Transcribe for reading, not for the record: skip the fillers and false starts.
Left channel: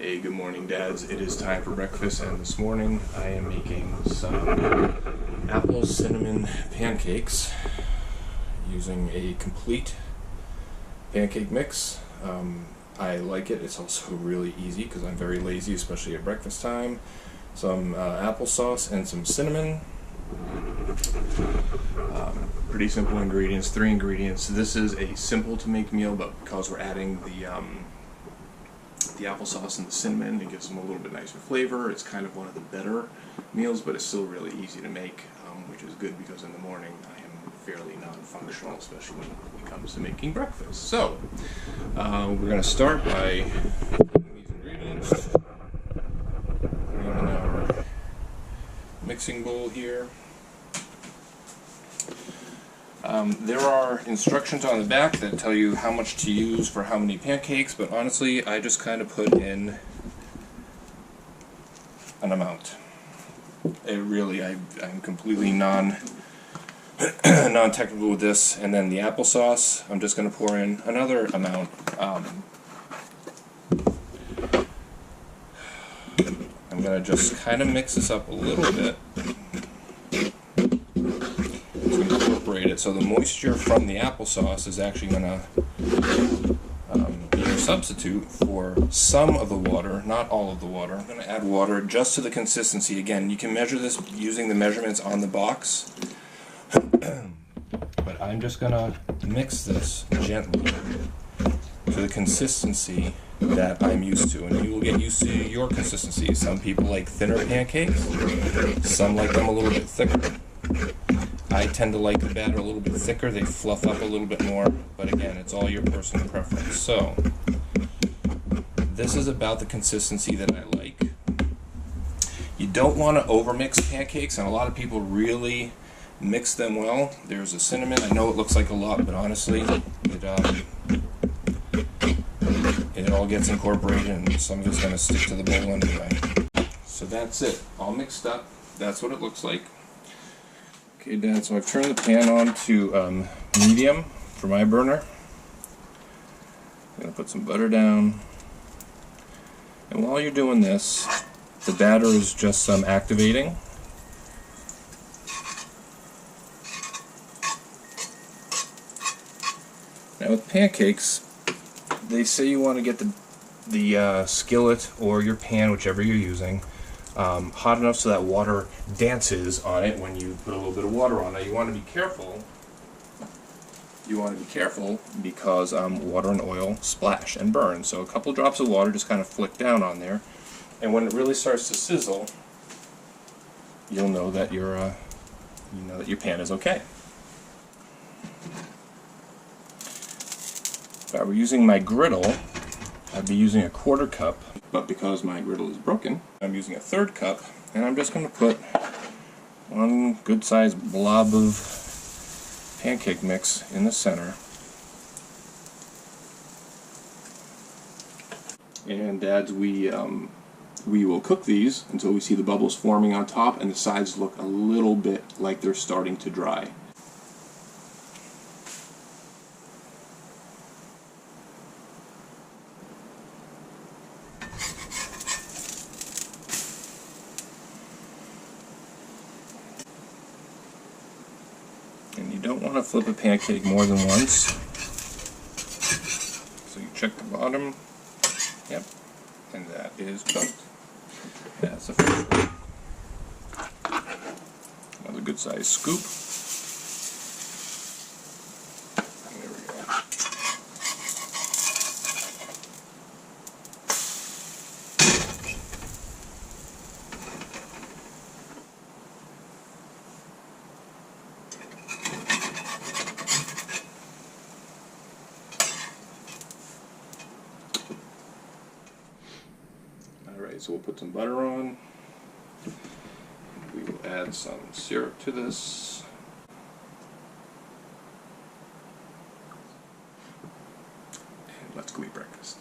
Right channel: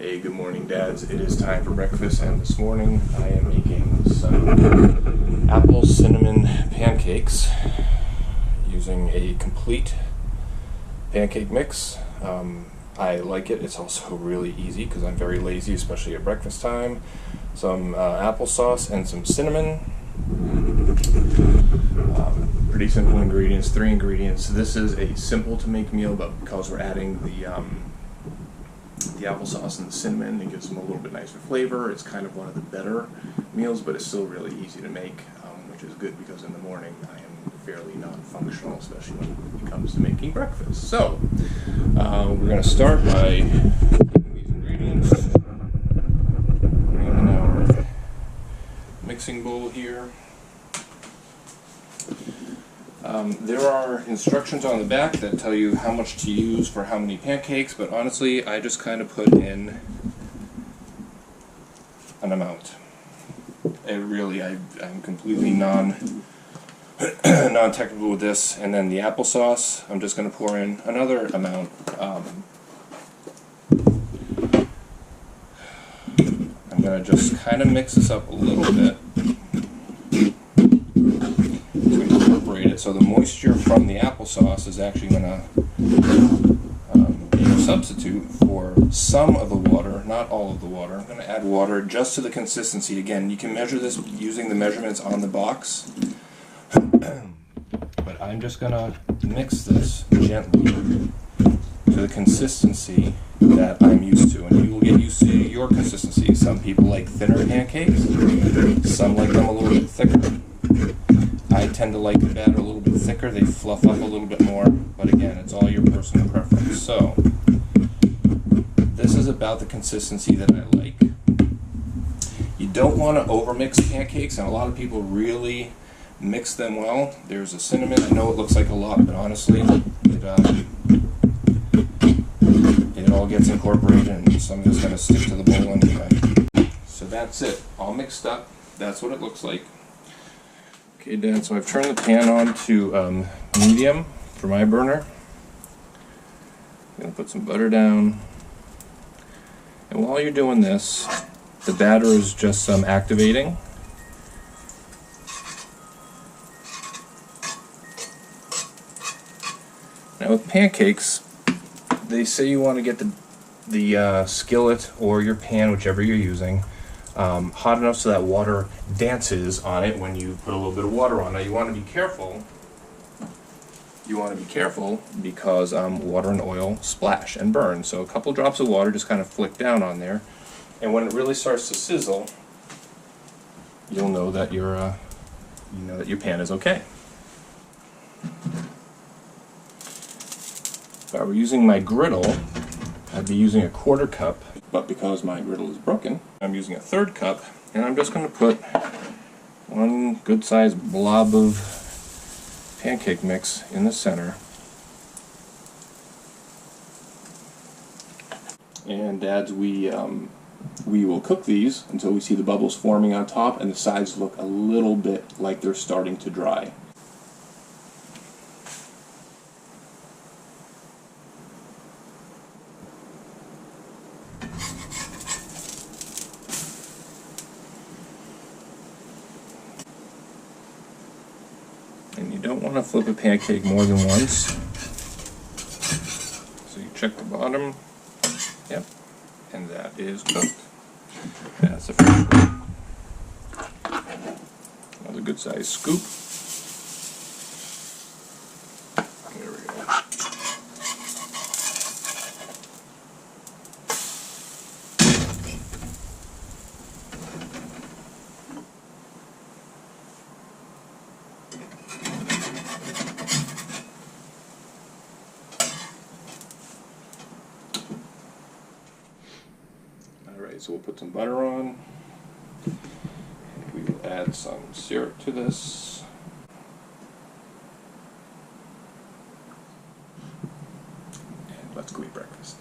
Hey, good morning, dads. It is time for breakfast, and this morning I am making some apple cinnamon pancakes using a complete pancake mix. I like it. It's also really easy because I'm very lazy, especially at breakfast time. Some applesauce and some cinnamon. Pretty simple ingredients, 3 ingredients. This is a simple to make meal, but because we're adding the applesauce and the cinnamon, it gives them a little bit nicer flavor. It's kind of one of the better meals, but it's still really easy to make, which is good because in the morning I am fairly non-functional, especially when it comes to making breakfast. So we're going to start by taking these ingredients, putting them in our mixing bowl here. There are instructions on the back that tell you how much to use for how many pancakes, but honestly, I just kind of put in an amount. I'm completely non-technical with this. And then the applesauce, I'm just going to pour in another amount. I'm going to just kind of mix this up a little bit. So the moisture from the applesauce is actually going to be your substitute for some of the water, not all of the water. I'm going to add water just to the consistency. Again, you can measure this using the measurements on the box, but I'm just going to mix this gently to the consistency that I'm used to, and you will get used to your consistency. Some people like thinner pancakes, some like them a little bit thicker. I tend to like the batter a little bit thicker. They fluff up a little bit more, but again, it's all your personal preference. So this is about the consistency that I like. You don't want to overmix pancakes, and a lot of people really mix them well. There's a cinnamon. I know it looks like a lot, but honestly, it all gets incorporated, and some of it's going to stick to the bowl anyway. So that's it, all mixed up. That's what it looks like. Okay, Dad, so I've turned the pan on to medium for my burner. I'm going to put some butter down. And while you're doing this, the batter is just activating. Now with pancakes, they say you want to get the skillet or your pan, whichever you're using, hot enough so that water dances on it when you put a little bit of water on it. You want to be careful. Because water and oil splash and burn. So a couple drops of water just kind of flick down on there, and when it really starts to sizzle, you'll know that your pan is okay. If I were using my griddle, I'd be using a 1/4 cup, but because my griddle is broken, I'm using a 1/3 cup, and I'm just going to put one good sized blob of pancake mix in the center. And Dads, we will cook these until we see the bubbles forming on top and the sides look a little bit like they're starting to dry. And you don't want to flip a pancake more than once. So you check the bottom. Yep. And that is cooked. That's the first one. Another good sized scoop. There we go. Alright, so we'll put some butter on, and we will add some syrup to this. And let's go eat breakfast.